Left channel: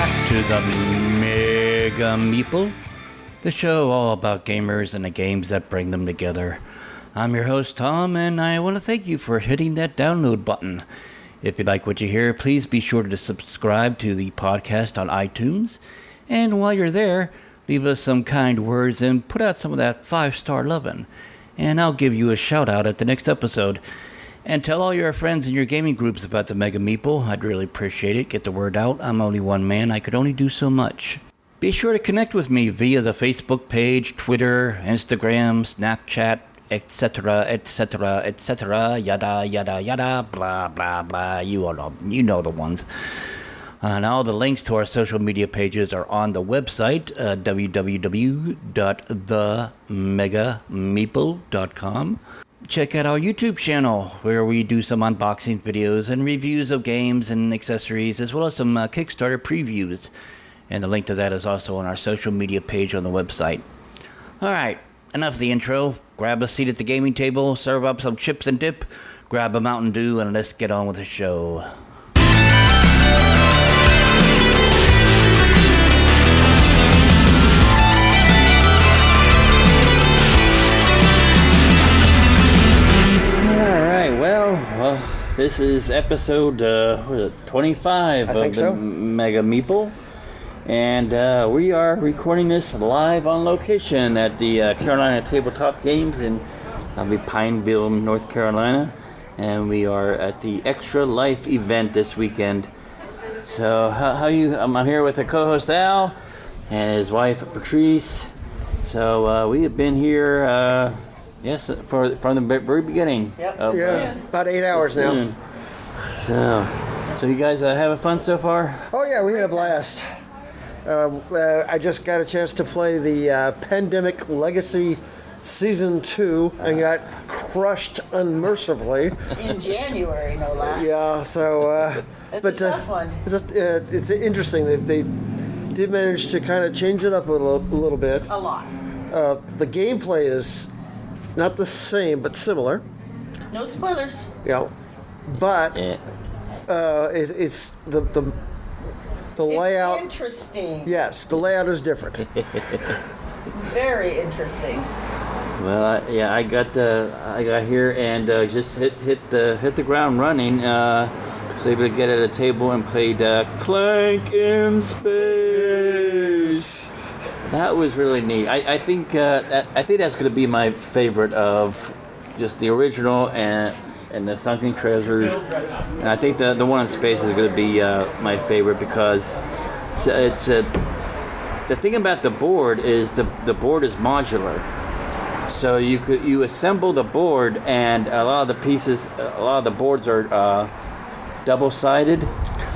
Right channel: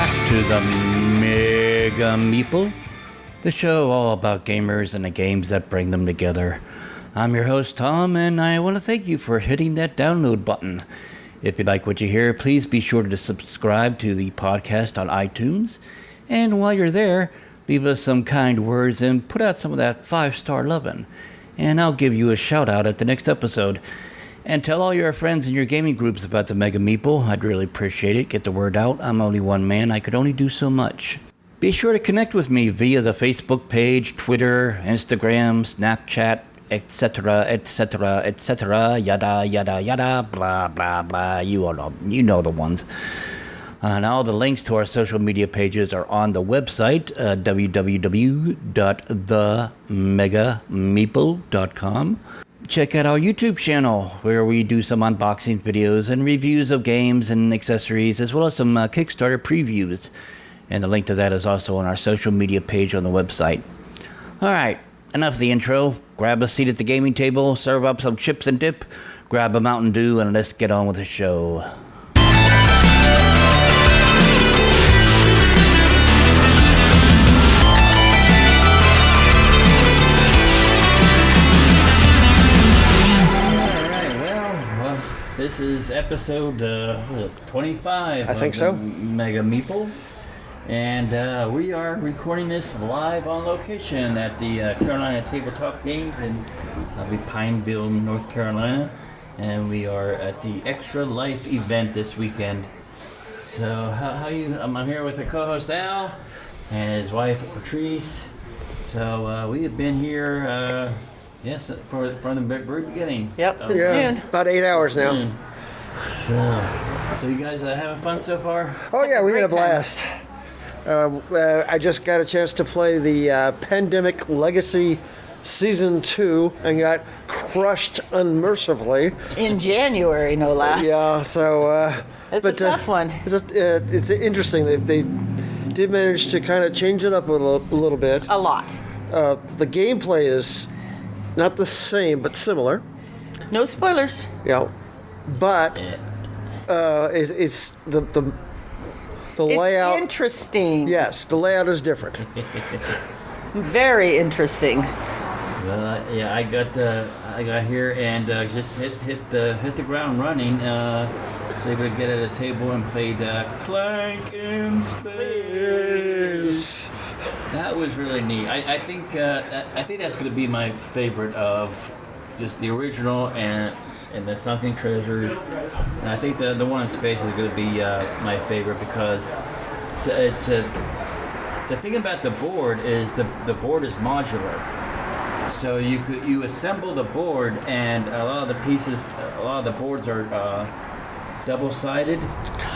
back to the Mega Meeple, the show all about gamers and the games that bring them together. I'm your host, Tom, and I want to thank you for hitting that download button. If you like what you hear, please be sure to subscribe to the podcast on iTunes. And while you're there, leave us some kind words and put out some of that 5-star lovin'. And I'll give you a shout out at the next episode. And tell all your friends in your gaming groups about the Mega Meeple. I'd really appreciate it. Get the word out. I'm only one man. I could only do so much. Be sure to connect with me via the Facebook page, Twitter, Instagram, Snapchat, etc., etc., etc., yada, yada, yada, blah, blah, blah. You know the ones. And all the links to our social media pages are on the website, www.themegameeple.com. Check out our YouTube channel, where we do some unboxing videos and reviews of games and accessories, as well as some Kickstarter previews. And the link to that is also on our social media page on the website. All right, enough of the intro. Grab a seat at the gaming table, serve up some chips and dip, grab a Mountain Dew, and let's get on with the show. This is episode 25 I think so. Mega Meeple, and we are recording this live on location at the Carolina Tabletop Games in Pineville, North Carolina, and we are at the Extra Life event this weekend. So how you? I'm here with the co-host Al and his wife Patrice. So we have been here. Yes, from the very beginning. Yep. Yeah, about 8 hours now. So you guys having fun so far? Oh yeah, we had a blast. I just got a chance to play the Pandemic Legacy Season 2 and got crushed unmercifully. In January, no less. Yeah, so... It's a tough one. It's interesting. They did manage to kind of change it up a little bit. A lot. The gameplay is not the same, but similar. No spoilers. Yeah, but it's the layout. It's interesting. Yes, the layout is different. Very interesting. Well, yeah, I got here and just hit the ground running. Was able to get at a table and played Clank in Space. That was really neat. I think that's going to be my favorite of just the original and the Sunken Treasures. And I think the one in space is going to be my favorite because it's the thing about the board is the board is modular. So you assemble the board, and a lot of the boards are double-sided,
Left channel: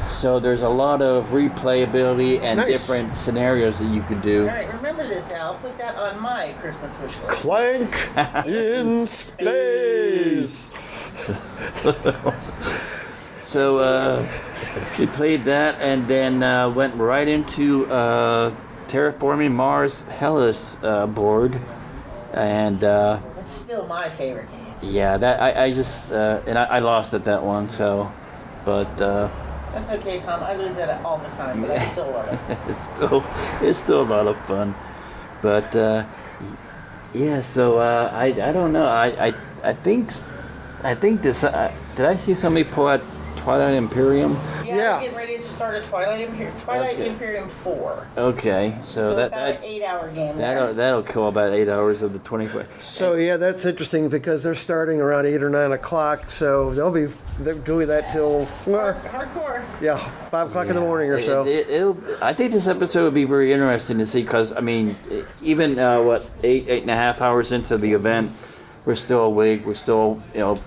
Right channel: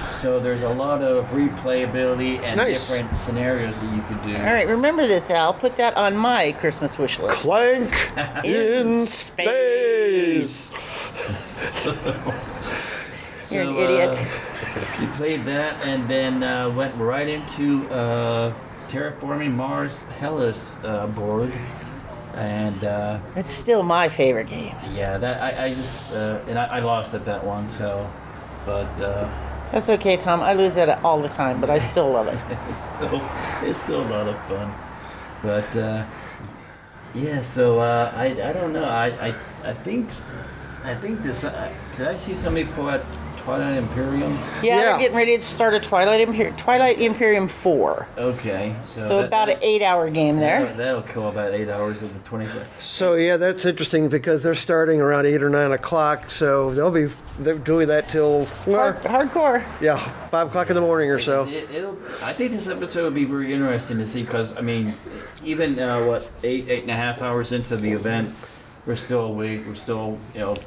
so there's a lot of replayability and different scenarios that you could do. All right, remember this, Al. Put that on my Christmas wish list. Clank in space. So we played that, and then went right into Terraforming Mars Hellas board. And it's still my favorite game. Yeah, that I just and I lost at that one, so but that's okay, Tom. I lose at it all the time, but I still love it. it's still a lot of fun. But yeah, so I don't know. I think this did I see somebody pull out Twilight Imperium? Yeah, we're getting ready to start a Twilight Imperium 4. Okay, so about an 8-hour game there. That'll kill about 8 hours of the 24. So yeah, that's interesting because they're starting around 8 or 9 o'clock, so they're doing that till hardcore. Yeah, 5 o'clock in the morning or so. I think this episode would be very interesting to see because I mean, even 8.5 hours into the event, we're still awake. We're still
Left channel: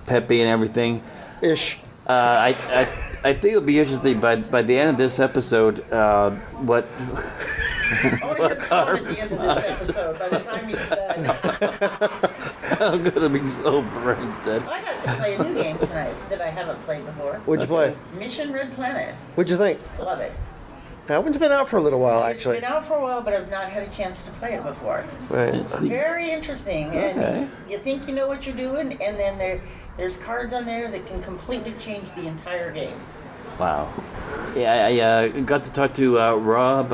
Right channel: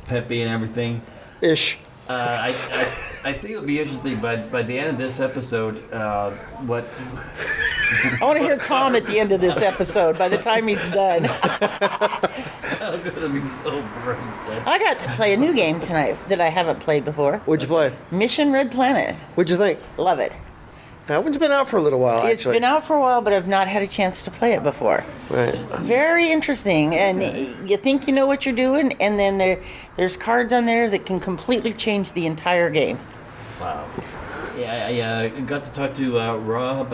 peppy and everything. Ish. I think it'll be interesting by the end of this episode. What? I want to hear Tom at the end of this episode. By the time he's done, I'm gonna be so brain dead. I got to play a new game tonight that I haven't played before. What'd you play? Mission Red Planet. What'd you think? Love it. That one's been out for a little while, actually. It's been out for a while, but I've not had a chance to play it before. Right. It's very interesting, and you think you know what you're doing, and then there's cards on there that can completely change the entire game. Wow. Yeah, I got to talk to Rob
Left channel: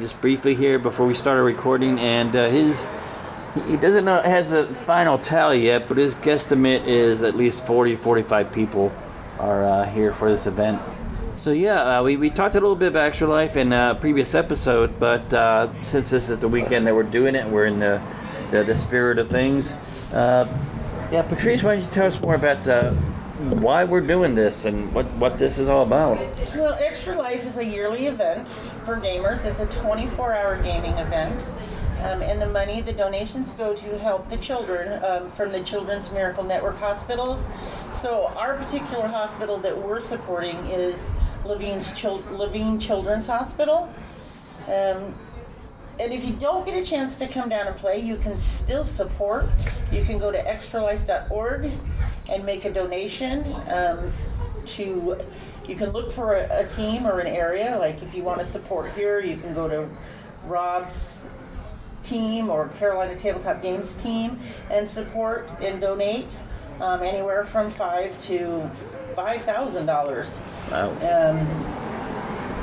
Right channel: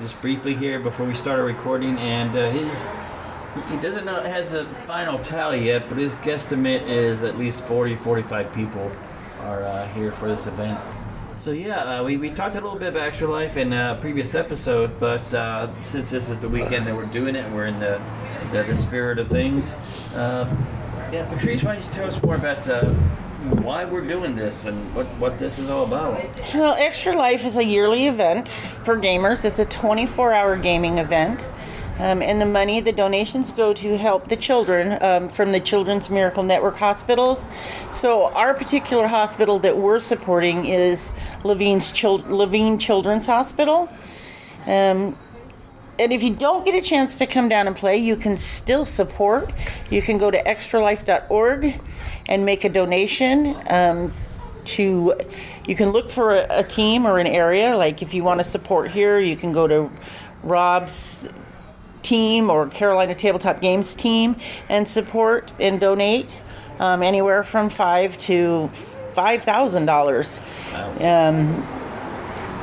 just briefly here before we started recording, and he doesn't know has the final tally yet, but his guesstimate is at least 45 people are here for this event. So yeah, we talked a little bit about Extra Life in a previous episode, but since this is the weekend that we're doing it, we're in the spirit of things. Patrice, why don't you tell us more about why we're doing this and what this is all about? Well, Extra Life is a yearly event for gamers. It's a 24-hour gaming event. And the donations go to help the children from the Children's Miracle Network hospitals. So our particular hospital that we're supporting is Levine Children's Hospital. And if you don't get a chance to come down and play, you can still support. You can go to extralife.org and make a donation. You can look for a team or an area. Like if you want to support here, you can go to Rob's team or Carolina Tabletop Games team and support and donate anywhere from $5,000 to $5,000.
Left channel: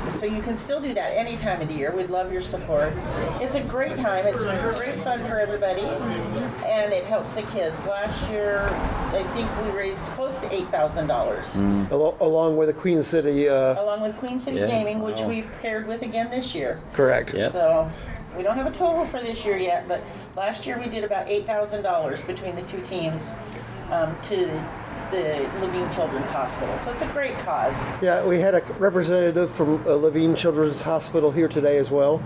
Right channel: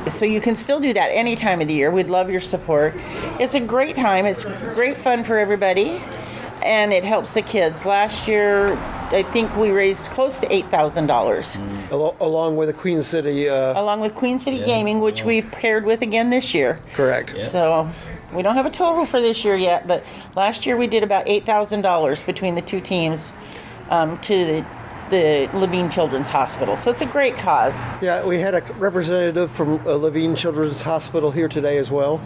So you can still do that any time of the year. We'd love your support. It's a great time. It's great fun for everybody, and it helps the kids. Last year, I think we raised close to $8,000. Along with the Queen City. Along with Queen City Gaming, which we've paired with again this year. Correct. Yeah. So we don't have a total for this year yet, but last year we did about $8,000 between the two teams to the Levine Children's Hospital. So it's a great cause. Yeah, we had a representative from Levine Children's Hospital here today as well,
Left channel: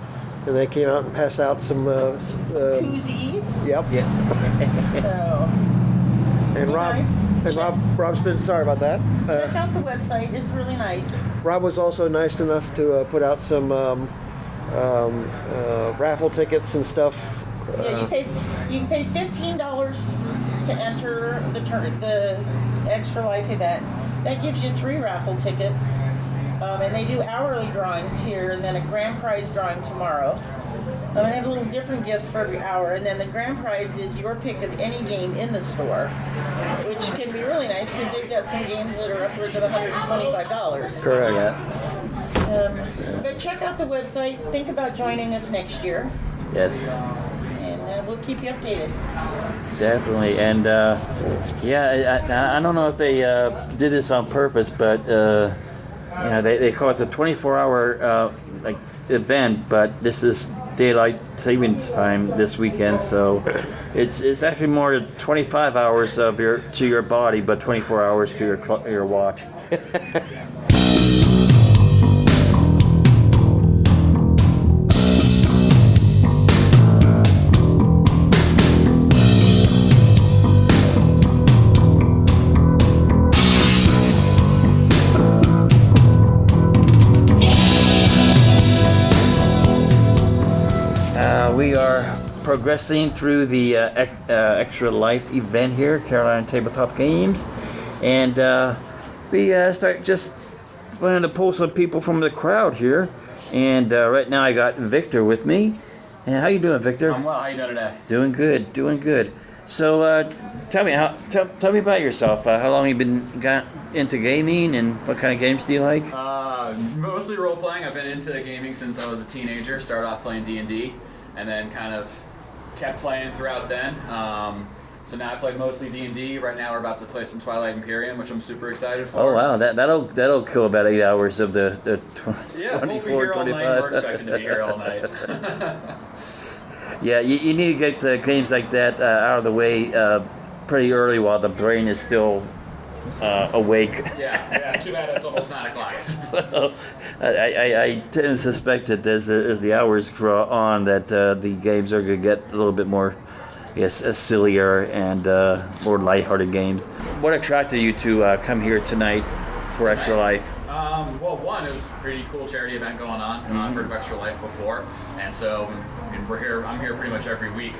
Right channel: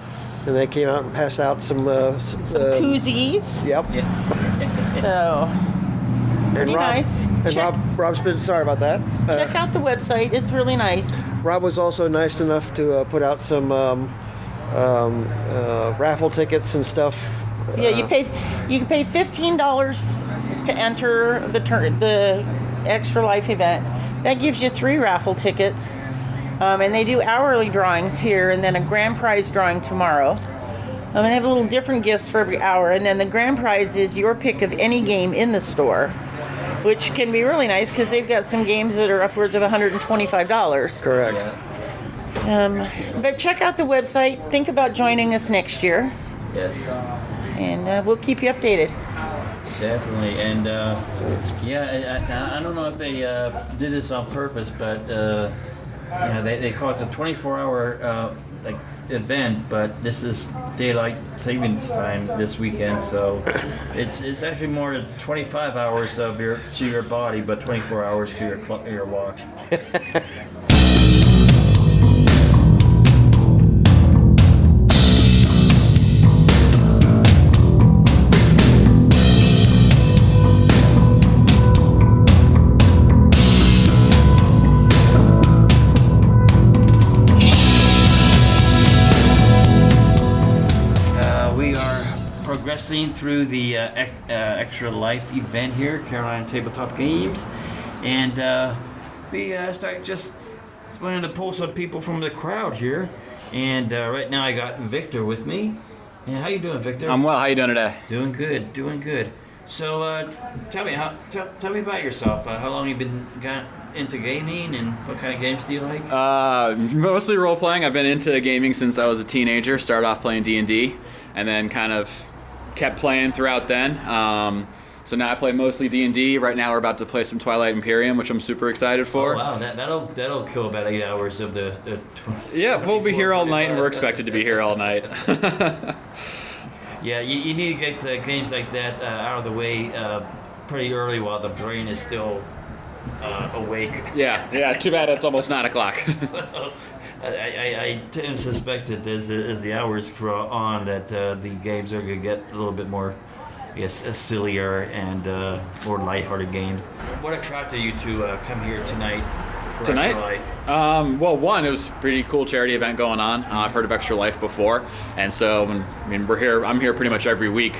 and they came out and passed out some koozies. Yep. So And Rob, nice. Rob's been sorry about that. Check out the website. It's really nice. Rob was also nice enough to put out some raffle tickets and stuff. Yeah, you can pay $15 to enter the Extra Life event. That gives you 3 raffle tickets, and they do hourly drawings here, and then a grand prize drawing tomorrow. And they have little different gifts for every hour, and then the grand prize is your pick of any game in the store, which can be really nice because they've got some games that are upwards of $125. Correct. But check out the website. Think about joining us next year. Yes. And we'll keep you updated. Definitely, and I don't know if they did this on purpose, but they call it a 24-hour event, but this is daylight savings time this weekend, so it's actually more than 25 hours of your body, but 24 hours to your watch. Progressing through the Extra Life event here, Carolina Tabletop Games, and we start just wanted to pull some people from the crowd here, and right now I got Victor with me. And how you doing, Victor? I'm well. How you doing today? Doing good. So tell me about yourself. How long have you got into gaming, and what kind of games do you like? Mostly role playing. I've been into gaming since I was a teenager. Started off playing D&D, and then kind of kept playing throughout then. So now I play mostly D&D. Right now we're about to play some Twilight Imperium, which I'm super excited for. Oh wow, that'll kill about 8 hours of the yeah, we'll be here all night, and we're expected to be here all night. Yeah, you need to get games like that out of the way pretty early while the brain is still awake. Yeah. Too bad it's almost 9 o'clock. I tend to suspect that as the hours draw on, that the games are going to get a little bit more, I guess, sillier and more lighthearted games. What attracted you to come here tonight for Extra Life? Well, one, it was a pretty cool charity event going on. I've heard of Extra Life before, and so we're here. I'm here pretty much every week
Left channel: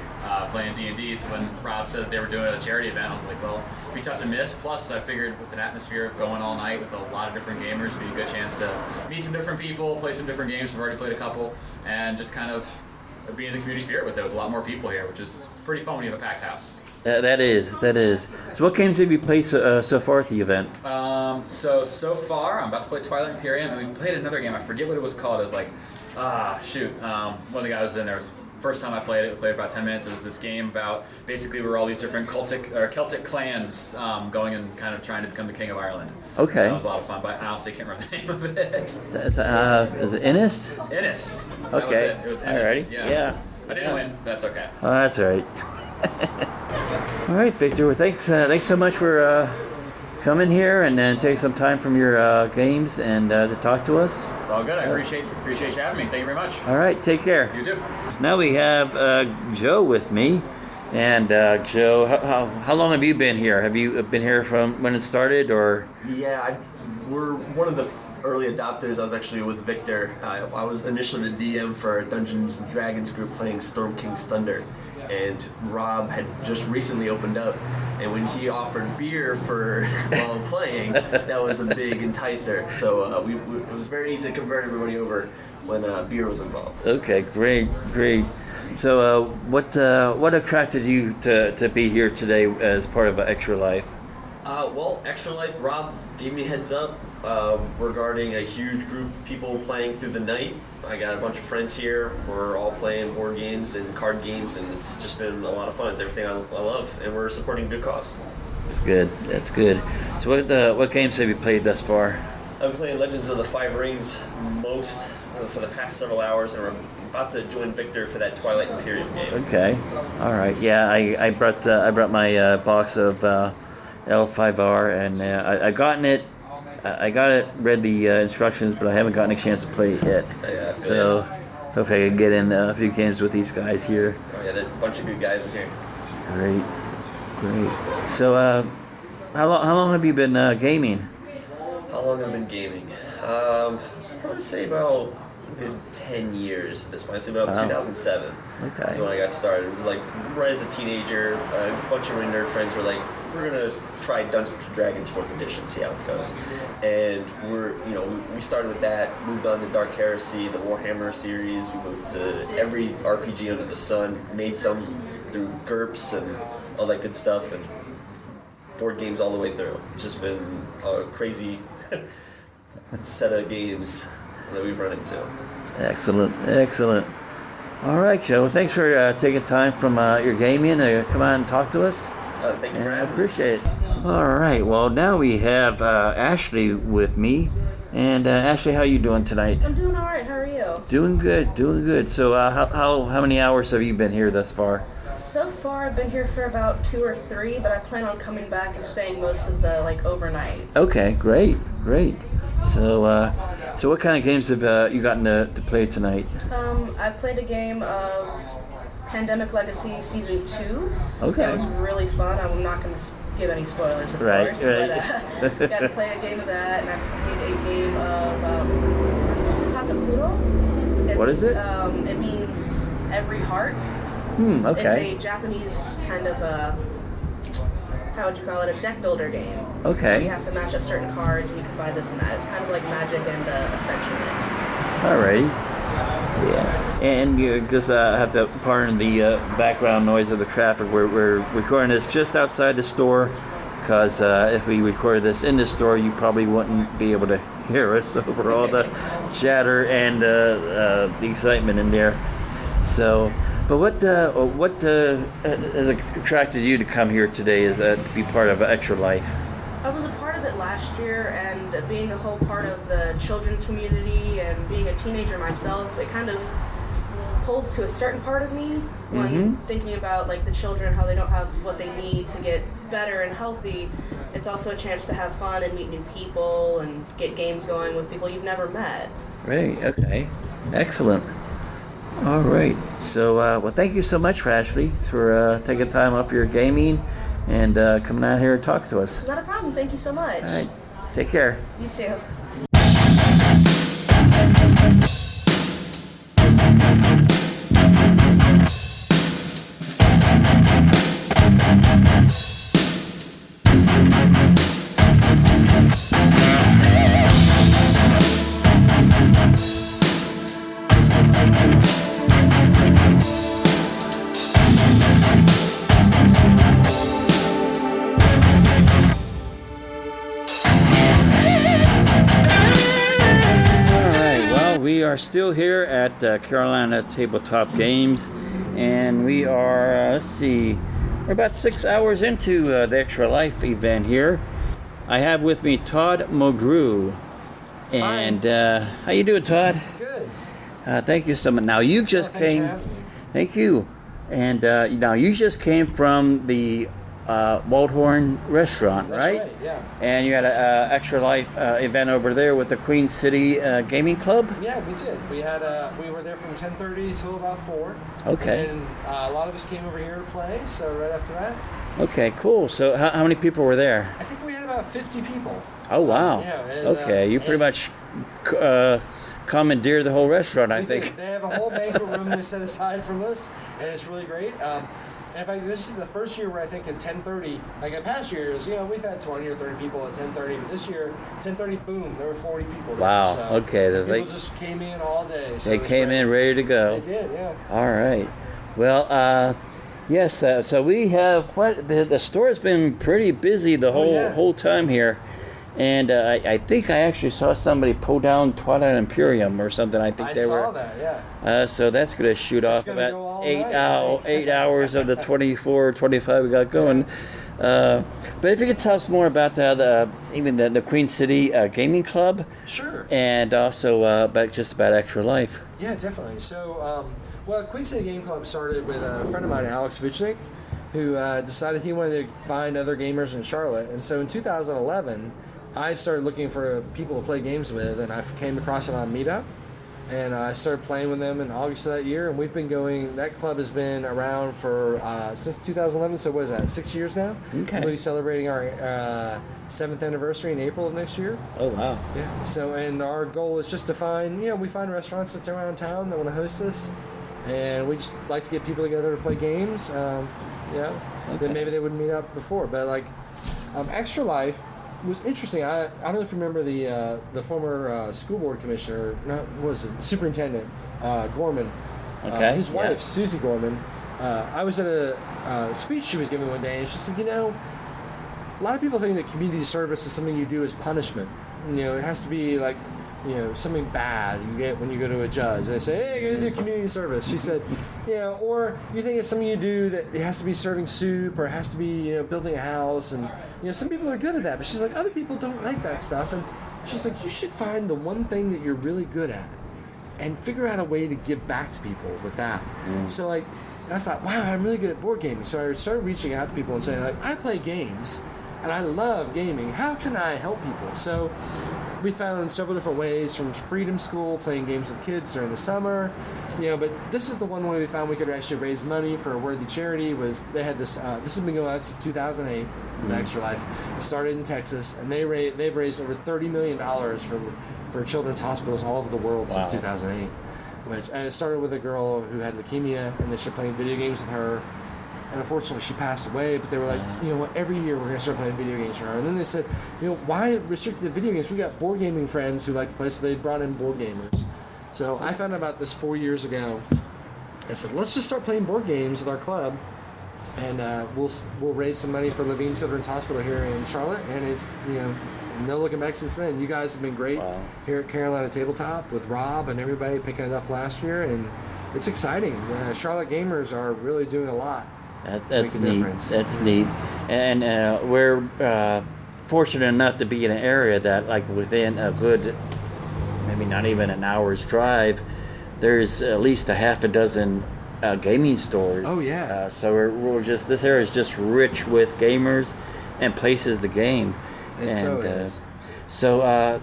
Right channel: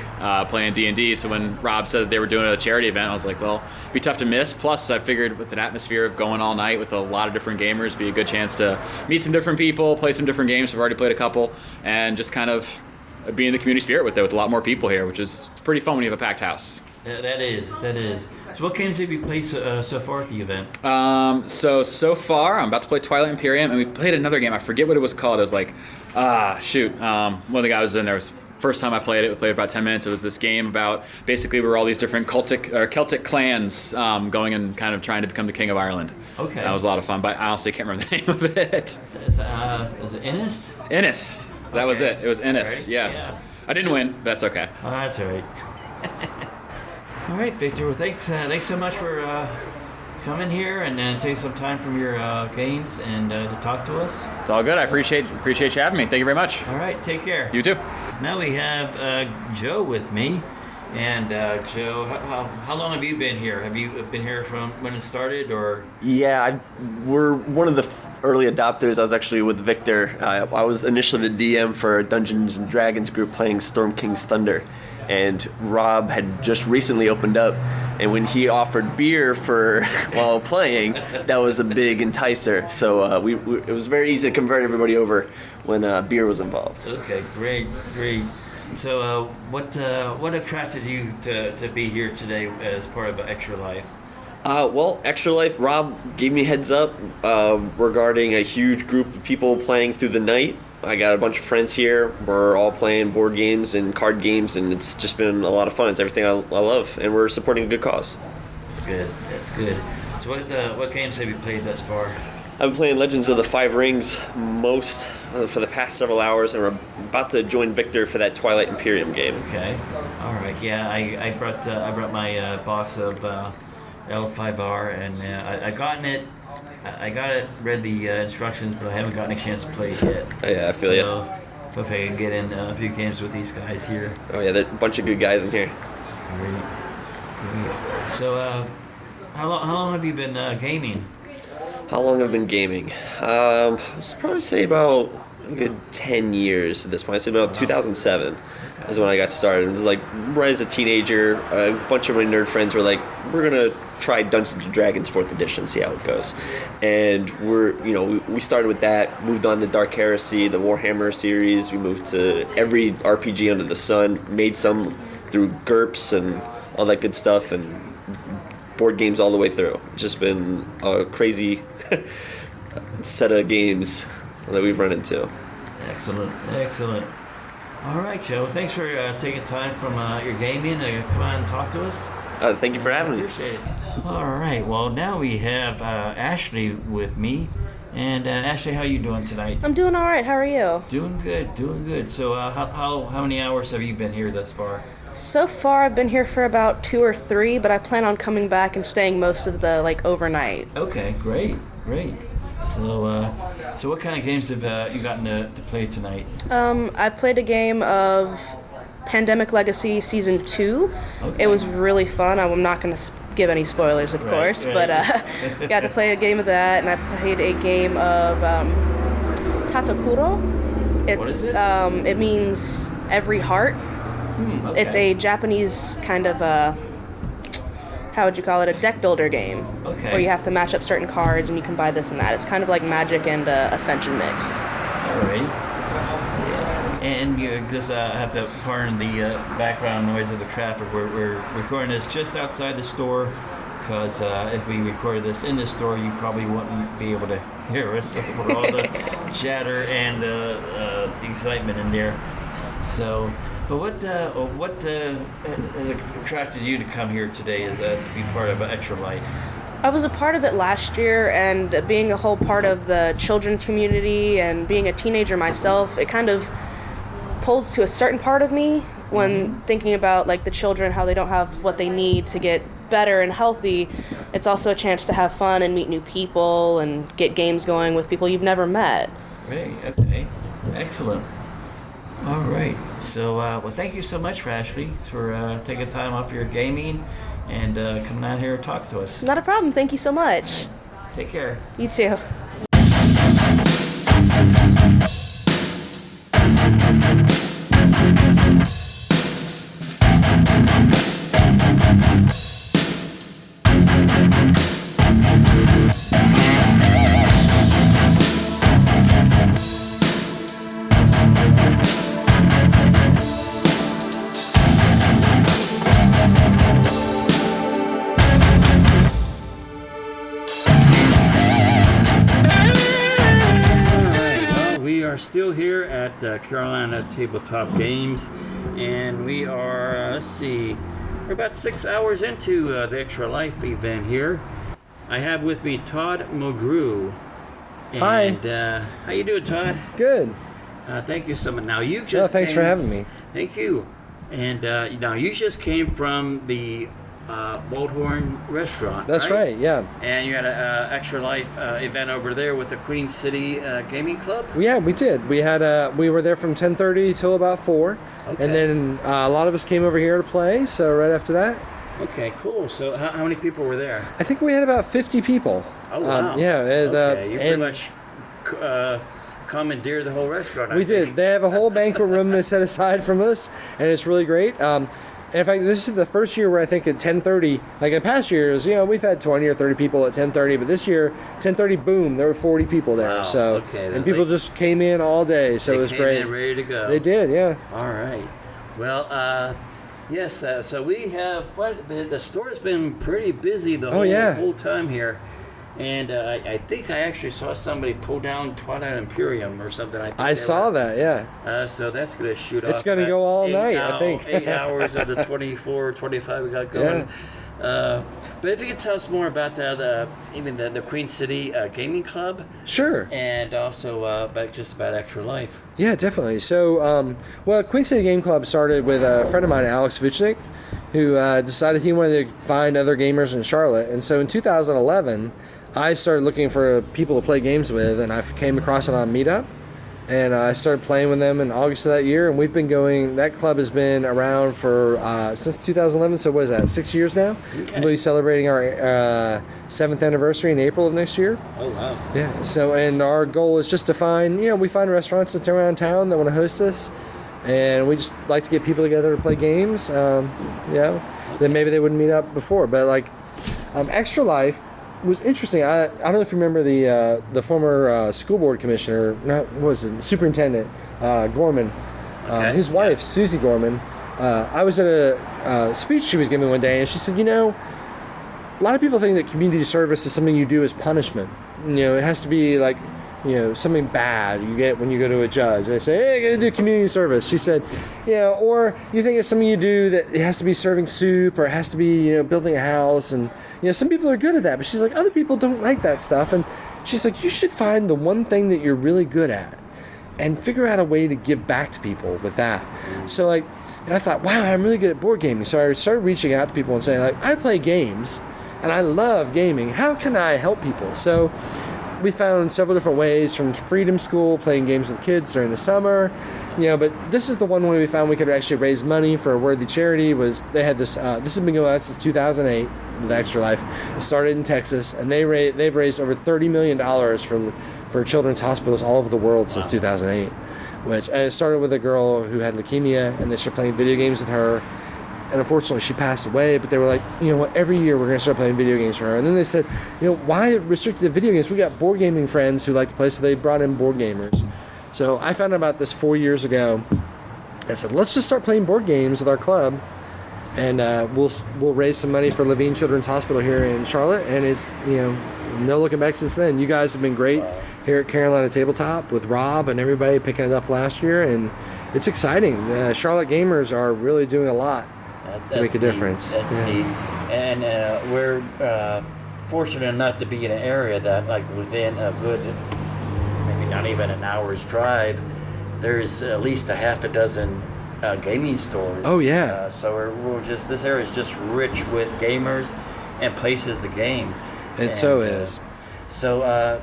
playing D&D. So when Rob said they were doing a charity event, I was like, well, it'd be tough to miss. Plus, I figured with an atmosphere of going all night with a lot of different gamers, it'd be a good chance to meet some different people, play some different games. We've already played a couple, and just kind of be in the community spirit with a lot more people here, which is pretty fun when you have a packed house. That is. So what games have you played so far at the event? So far, I'm about to play Twilight Imperium, and we played another game. I forget what it was called. It was like, one of the guys was in there. First time I played it, we played about 10 minutes. It was this game about basically we're all these different Celtic clans going and kind of trying to become the king of Ireland. Okay. That was a lot of fun, but I honestly can't remember the name of it. Is it Innis? Innis. That was it. It was Innis. Right. Yes. Yeah. I didn't win. But that's okay. Oh, that's all right. All right, Victor. Well, thanks so much for coming here and take some time from your games and to talk to us. It's all good. I appreciate you having me. Thank you very much. All right. Take care. You too. Now we have Joe with me. And Joe, how long have you been here? Have you been here from when it started, or? Yeah, we're one of the early adopters. I was actually with Victor. I was initially the DM for Dungeons and Dragons group playing Storm King's Thunder, and Rob had just recently opened up. And when he offered beer for while playing, that was a big enticer. So it was very easy to convert everybody over when beer was involved. Okay, great. So, what attracted you to be here today as part of Extra Life? Well, Extra Life, Rob gave me heads up regarding a huge group of people playing through the night. I got a bunch of friends here. We're all playing board games and card games, and it's just been a lot of fun. It's everything I love, and we're supporting a good cause. That's good. So, what games have you played thus far? I've been playing Legends of the Five Rings most for the past several hours, and we're about to join Victor for that Twilight Imperium game. Okay, all right. Yeah, I brought my box of L5R, and I got it. Read the instructions, but I haven't gotten a chance to play it yet. Yeah, I feel so. Hopefully I can get in a few games with these guys here. Oh yeah, there's a bunch of good guys in here. Great. So, how long have you been gaming? How long have I been gaming? I would probably say about a good 10 years at this point. I'd say about 2007 is when I got started. It was like right as a teenager, a bunch of my nerd friends were like, we're going to try Dungeons & Dragons 4th edition, see how it goes. And we started with that, moved on to Dark Heresy, the Warhammer series. We moved to every RPG under the sun, made some through GURPS and all that good stuff, and board games all the way through. It's just been a crazy set of games that we've run into. Excellent. All right, Joe. Well, thanks for taking time from your gaming to come on and talk to us. Thank you for having me. Appreciate it. All right. Well, now we have Ashley with me. And Ashley, how you doing tonight? I'm doing all right. How are you? Doing good. So how many hours have you been here thus far? So far, I've been here for about 2 or 3, but I plan on coming back and staying most of the overnight. Okay, great. So what kind of games have you gotten to play tonight? I played a game of Pandemic Legacy Season 2. Okay. It was really fun. I'm not going to give any spoilers, of course, but got to play a game of that, and I played a game of Tatsukuro. What is it? It means every heart. Okay. It's a Japanese kind of how would you call it? A deck builder game. Okay. Where you have to match up certain cards and you can buy this and that. It's kind of like Magic and Ascension mixed. Alrighty. Yeah. And you just have to pardon the background noise of the traffic. We're recording this just outside the store because if we recorded this in the store, you probably wouldn't be able to hear us over all the chatter and the excitement in there. So, but what has attracted you to come here today is to be part of Extra Life? I was a part of it last year, and being a whole part of the children community and being a teenager myself, it kind of pulls to a certain part of me when thinking about the children, how they don't have what they need to get better and healthy. It's also a chance to have fun and meet new people and get games going with people you've never met. Great. Okay. Excellent. All right. So, well, thank you so much, Ashley, for taking time off your gaming and coming out here and talk to us. Not a problem. Thank you so much. All right. Take care. You too. at Carolina Tabletop Games, and we are, we're about 6 hours into the Extra Life event here. I have with me Todd Muldrew. And how you doing, Todd? Good. Thank you so much. Now you just thanks came, for having me. Thank you. And now you just came from the Waldhorn restaurant, That's right, yeah. And you had an Extra Life event over there with the Queen City Gaming Club? Yeah, we did. We were there from 10:30 till about 4. Okay. And then a lot of us came over here to play, so right after that. Okay, cool. So how many people were there? I think we had about 50 people. Oh, wow. Yeah. Okay, you pretty much commandeered the whole restaurant, I think. We did. They have a whole banquet room they set aside from us, and it's really great. And in fact, this is the first year where I think at 10:30, like in past years, we've had 20 or 30 people at 10:30, but this year, 10:30, boom, there were 40 people there. Wow, so, okay. And people just came in all day, so it was great. They came in ready to go. They did, yeah. All right. Well, yes, so we have the store's been pretty busy the whole time here. And I think I actually saw somebody pull down Twilight Imperium or something. I saw that, yeah. So that's going to shoot off. It's going to go all night, I think. 8 hours of the 24, 25 we got going. Yeah. But if you could tell us more about even the Queen City Gaming Club. Sure. And also about Extra Life. Yeah, definitely. So, Queen City Game Club started with a friend of mine, Alex Vuchnik, who decided he wanted to find other gamers in Charlotte. And so in 2011... I started looking for people to play games with, and I came across it on Meetup, and I started playing with them in August of that year, and we've been going, that club has been around for, since 2011, so what is that, 6 years now? Okay. We'll be celebrating our 7th anniversary in April of next year. Oh, wow. Yeah, so, and our goal is just to find, we find restaurants that's around town that want to host us, and we just like to get people together to play games, that maybe they wouldn't meet up before, but Extra Life was interesting. I don't know if you remember the former school board commissioner, superintendent, Gorman. Okay. His wife, Susie Gorman. I was at a speech she was giving one day, and she said, a lot of people think that community service is something you do as punishment. It has to be like, something bad you get when you go to a judge. They say, hey, I got to do community service. She said, or you think it's something you do that it has to be serving soup, or it has to be, building a house, and some people are good at that, but she's like, other people don't like that stuff. And she's like, you should find the one thing that you're really good at and figure out a way to give back to people with that. So and I thought, wow, I'm really good at board gaming. So I started reaching out to people and saying, I play games and I love gaming. How can I help people? So we found several different ways, from Freedom School, playing games with kids during the summer, but this is the one way we found we could actually raise money for a worthy charity. Was they had this has been going on since 2008 with Extra Life. It started in Texas, and they've raised over $30 million for children's hospitals all over the world since 2008. And it started with a girl who had leukemia, and they started playing video games with her. And unfortunately, she passed away, but they were like, every year we're going to start playing video games for her. And then they said, why restrict the video games? We got board gaming friends who like to play, so they brought in board gamers. So I found out about this 4 years ago. I said, let's just start playing board games with our club, and we'll raise some money for Levine Children's Hospital here in Charlotte. And it's, no looking back since then. You guys have been great here at Carolina Tabletop with Rob and everybody picking it up last year, and it's exciting. Charlotte gamers are really doing a lot to make a difference. That's neat. And we're fortunate enough to be in an area that, within a good, maybe not even an hour's drive, there's at least a half a dozen gaming stores. Oh, yeah. So we're just, this area is just rich with gamers and places to game. It so is. So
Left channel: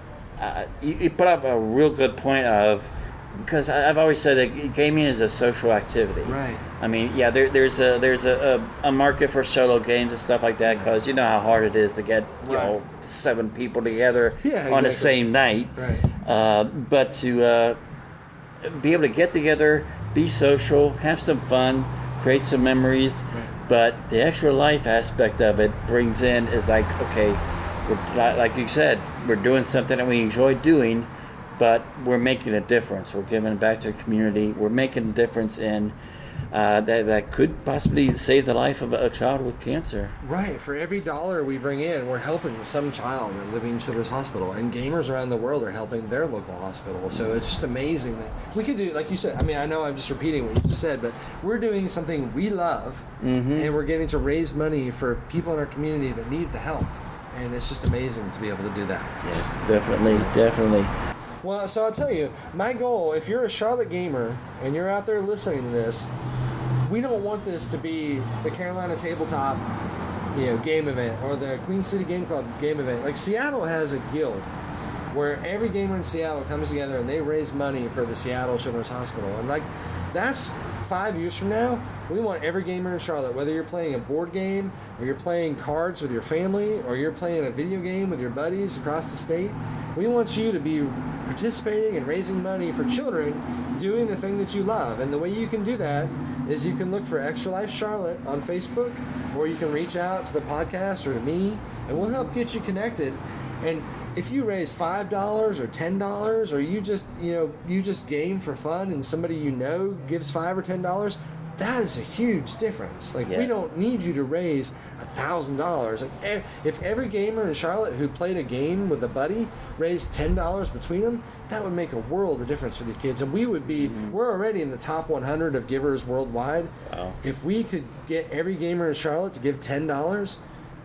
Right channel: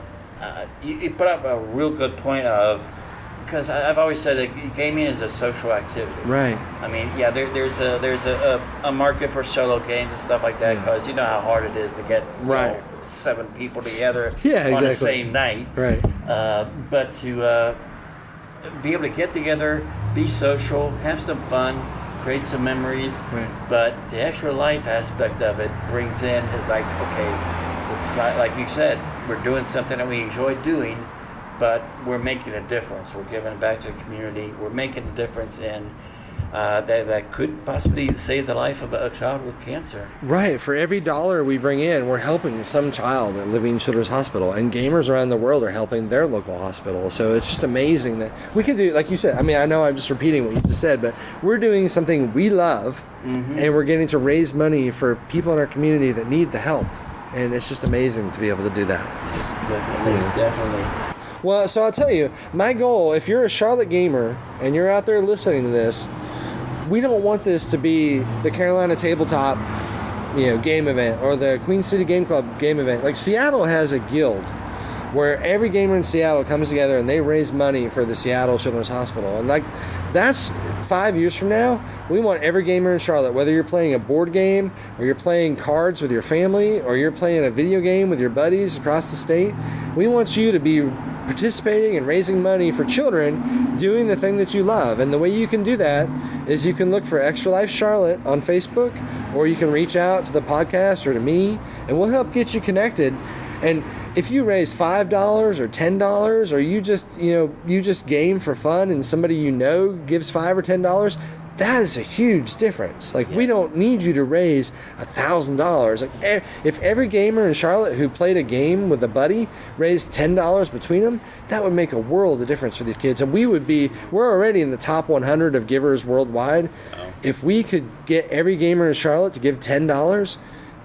you put up a real good point of, because I've always said that gaming is a social activity. Right. I mean, there's a market for solo games and stuff like that, because you know how hard it is to get 7 people together on the same night. Right. But to be able to get together, be social, have some fun, create some memories. Right. But the Extra Life aspect of it brings in is like, okay, like you said, we're doing something that we enjoy doing, but we're making a difference. We're giving back to the community. We're making a difference in that could possibly save the life of a child with cancer. Right. For every dollar we bring in, we're helping some child at Living Children's Hospital, and gamers around the world are helping their local hospital. So it's just amazing that we could do, like you said. I mean, I know I'm just repeating what you just said, but we're doing something we love, and we're getting to raise money for people in our community that need the help. And it's just amazing to be able to do that. Yes, definitely. Well, so I'll tell you, my goal, if you're a Charlotte gamer and you're out there listening to this, we don't want this to be the Carolina Tabletop, game event or the Queen City Game Club game event. Like, Seattle has a guild where every gamer in Seattle comes together and they raise money for the Seattle Children's Hospital. And like, that's 5 years from now. We want every gamer in Charlotte, whether you're playing a board game or you're playing cards with your family or you're playing a video game with your buddies across the state, we want you to be participating and raising money for children doing the thing that you love. And the way you can do that is you can look for Extra Life Charlotte on Facebook, or you can reach out to the podcast or to me, and we'll help get you connected. And if you raise $5 or $10, or you just game for fun and somebody gives $5 or $10, that is a huge difference. Like, we don't need you to raise $1,000. Like, if every gamer in Charlotte who played a game with a buddy raised $10 between them, that would make a world of difference for these kids. And we're already in the top 100 of givers worldwide. Wow. If we could get every gamer in Charlotte to give $10,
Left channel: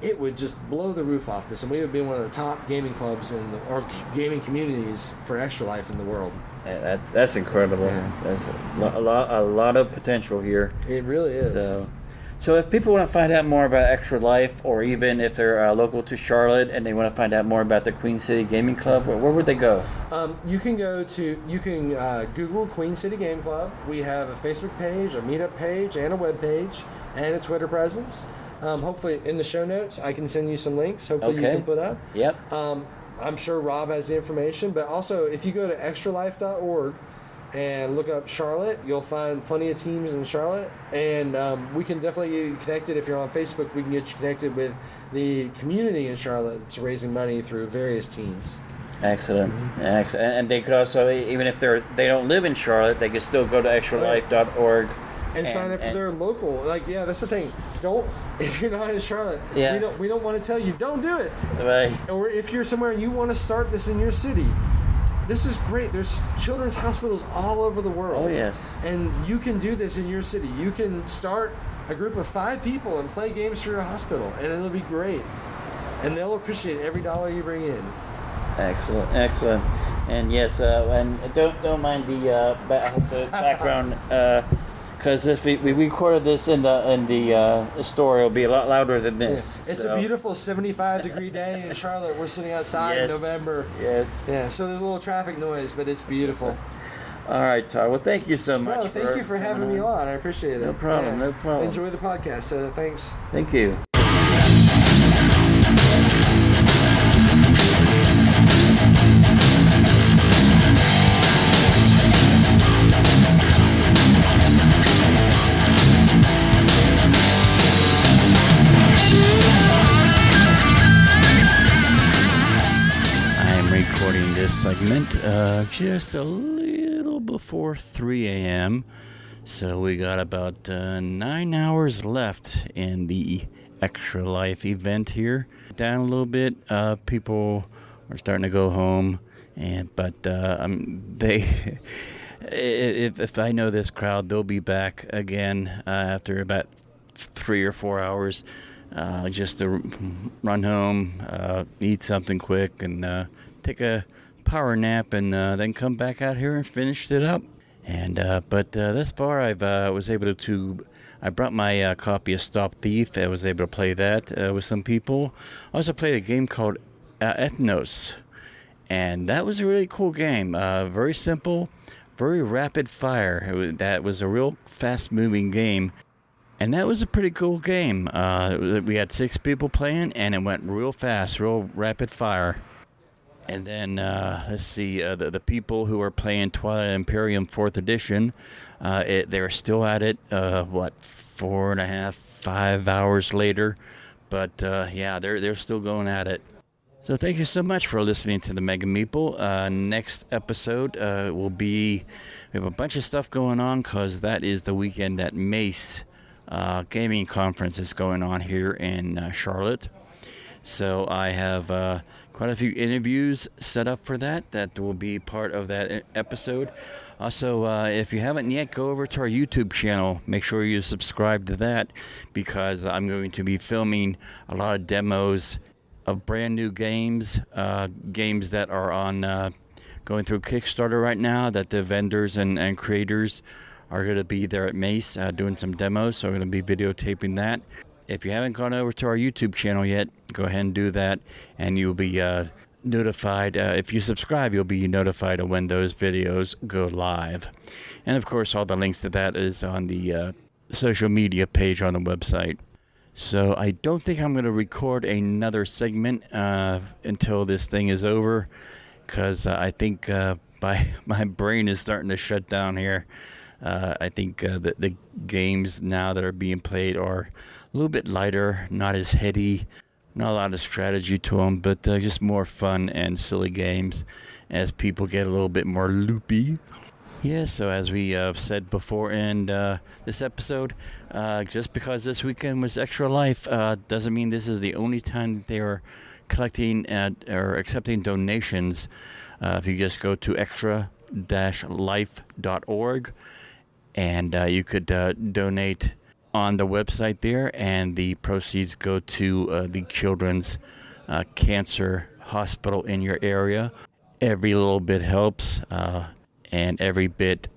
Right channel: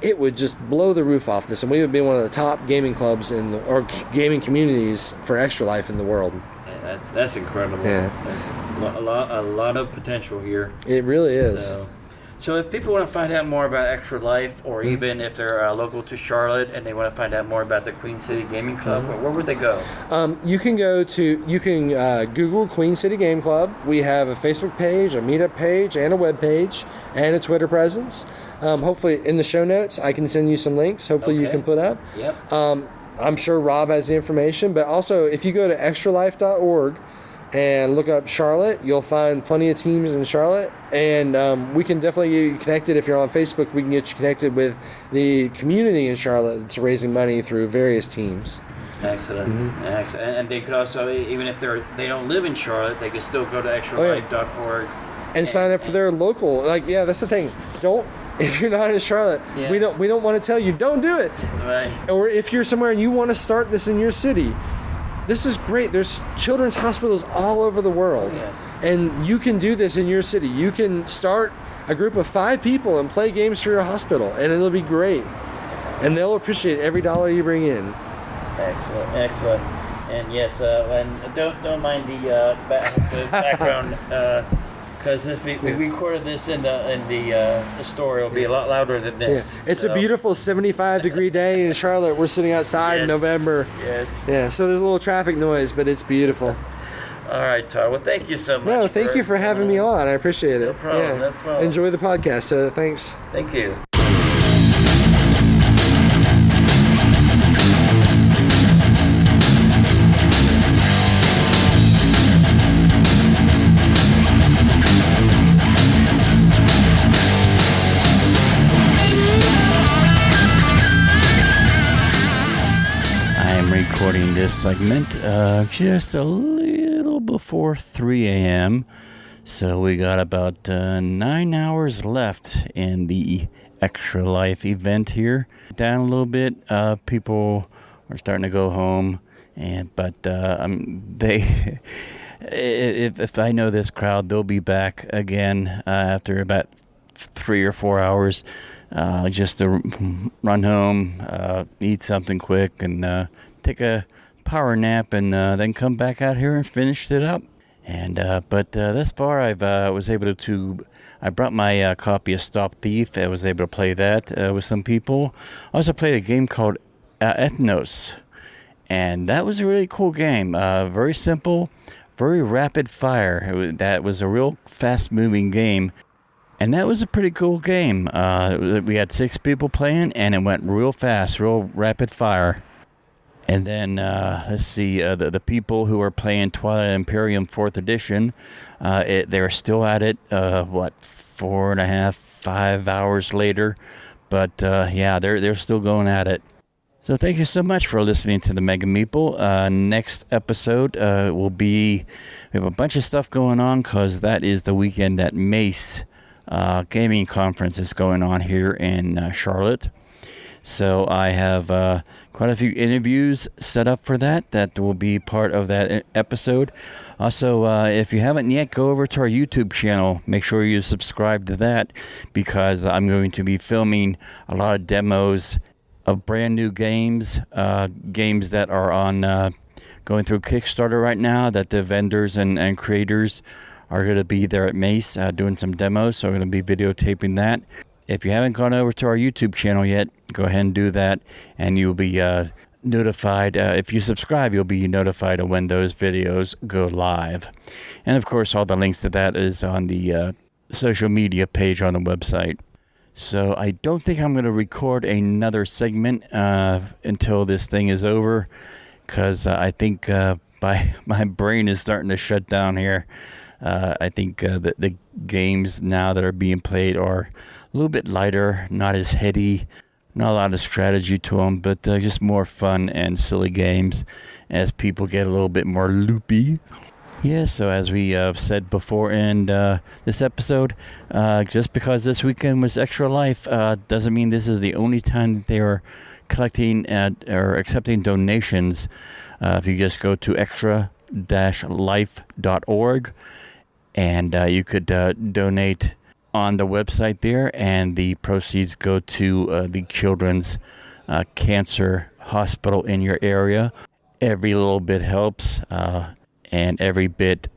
it would just blow the roof off this, and we would be one of the top gaming clubs or gaming communities for Extra Life in the world. That's incredible. Yeah. There's a lot of potential here. It really is. So if people want to find out more about Extra Life, or even if they're local to Charlotte and they want to find out more about the Queen City Gaming Club, where would they go? You can Google Queen City Game Club. We have a Facebook page, a meetup page, and a web page, and a Twitter presence. Hopefully in the show notes, I can send you some links. Hopefully you can put up. Yep. I'm sure Rob has the information, but also if you go to extralife.org and look up Charlotte, you'll find plenty of teams in Charlotte, and we can definitely get you connected. If you're on Facebook, we can get you connected with the community in Charlotte that's raising money through various teams. Excellent. Excellent. And they could also, even if they don't live in Charlotte, they could still go to extralife.org and sign up for their local. That's the thing. If you're not in Charlotte, we don't want to tell you, don't do it. Right. Or if you're somewhere and you want to start this in your city, this is great. There's children's hospitals all over the world. Oh, yes. And you can do this in your city. You can start a group of 5 people and play games for your hospital, and it'll be great. And they'll appreciate every dollar you bring in. Excellent. And yes, and don't mind the background. Because if we recorded this in the store, it'll be a lot louder than this. Yeah. It's a beautiful 75-degree day in Charlotte. We're sitting outside in November. Yes. Yeah, so there's a little traffic noise, but it's beautiful. All right, Todd. Well, thank you so much. No, thank you for having me on. I appreciate it. No problem. Enjoy the podcast, so thanks. Thank you. Recording this segment just a little before 3 a.m. So we got about 9 hours left in the Extra Life event here. Down a little bit, people are starting to go home, but if I know this crowd, they'll be back again after about 3 or 4 hours. Just to run home, eat something quick, and take a power nap, and then come back out here and finish it up. And but thus far, I brought my copy of Stop Thief. I was able to play that with some people. I also played a game called Ethnos, and that was a really cool game. Very simple, very rapid fire. That was a real fast-moving game. And that was a pretty cool game. We had 6 people playing, and it went real fast, real rapid fire. And then, let's see, the people who are playing Twilight Imperium 4th Edition, they're still at it, 4.5, 5 hours later. But, they're still going at it. So thank you so much for listening to the Mega Meeple. Next episode will be, we have a bunch of stuff going on because that is the weekend that Mace gaming conference is going on here in Charlotte. So I have quite a few interviews set up for that will be part of that episode. Also, if you haven't yet, go over to our YouTube channel. Make sure you subscribe to that because I'm going to be filming a lot of demos of brand new games, games that are on going through Kickstarter right now, that the vendors and creators are going to be there at Mace doing some demos, so I'm going to be videotaping that. If you haven't gone over to our YouTube channel yet, go ahead and do that, and you'll be notified. If you subscribe, you'll be notified of when those videos go live. And of course, all the links to that is on the social media page on the website. So I don't think I'm going to record another segment until this thing is over, because I think my brain is starting to shut down here. I think the games now that are being played are a little bit lighter, not as heady, not a lot of strategy to them, but just more fun and silly games as people get a little bit more loopy. Yeah, so as we said before in this episode, just because this weekend was Extra Life doesn't mean this is the only time that they are collecting or accepting donations. If you just go to extra-life.org, and you could donate on the website there, and the proceeds go to the Children's Cancer Hospital in your area. Every little bit helps. And every bit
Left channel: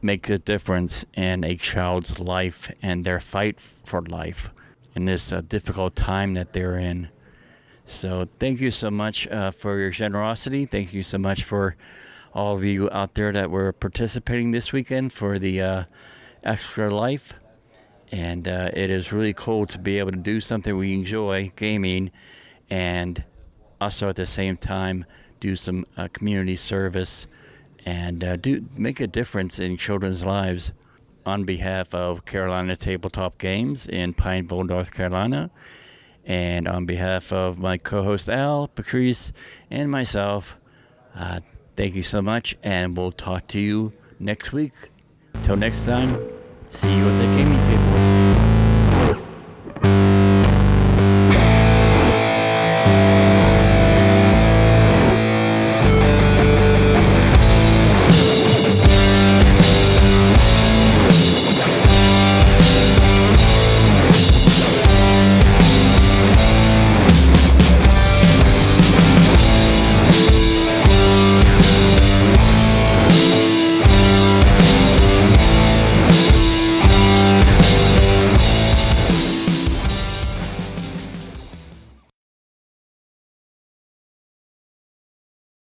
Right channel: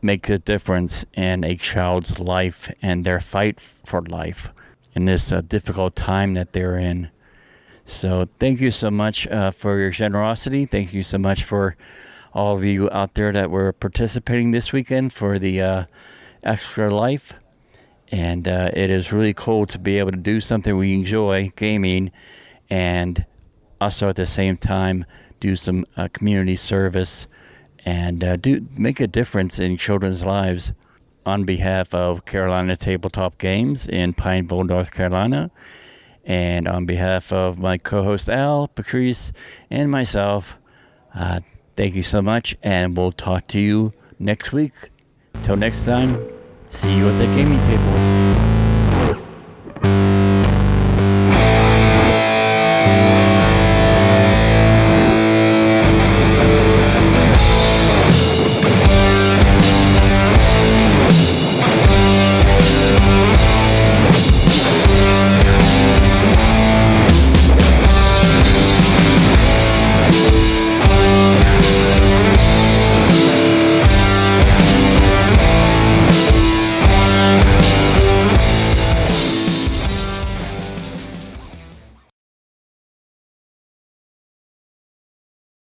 makes a difference in a child's life and their fight for life in this difficult time that they're in. So thank you so much for your generosity. Thank you so much for all of you out there that were participating this weekend for the Extra Life. And it is really cool to be able to do something we enjoy, gaming, and also at the same time do some community service and make a difference in children's lives. On behalf of Carolina Tabletop Games in Pineville, North Carolina, and on behalf of my co-host Al, Patrice, and myself, thank you so much, and we'll talk to you next week. Till next time, see you at the gaming table.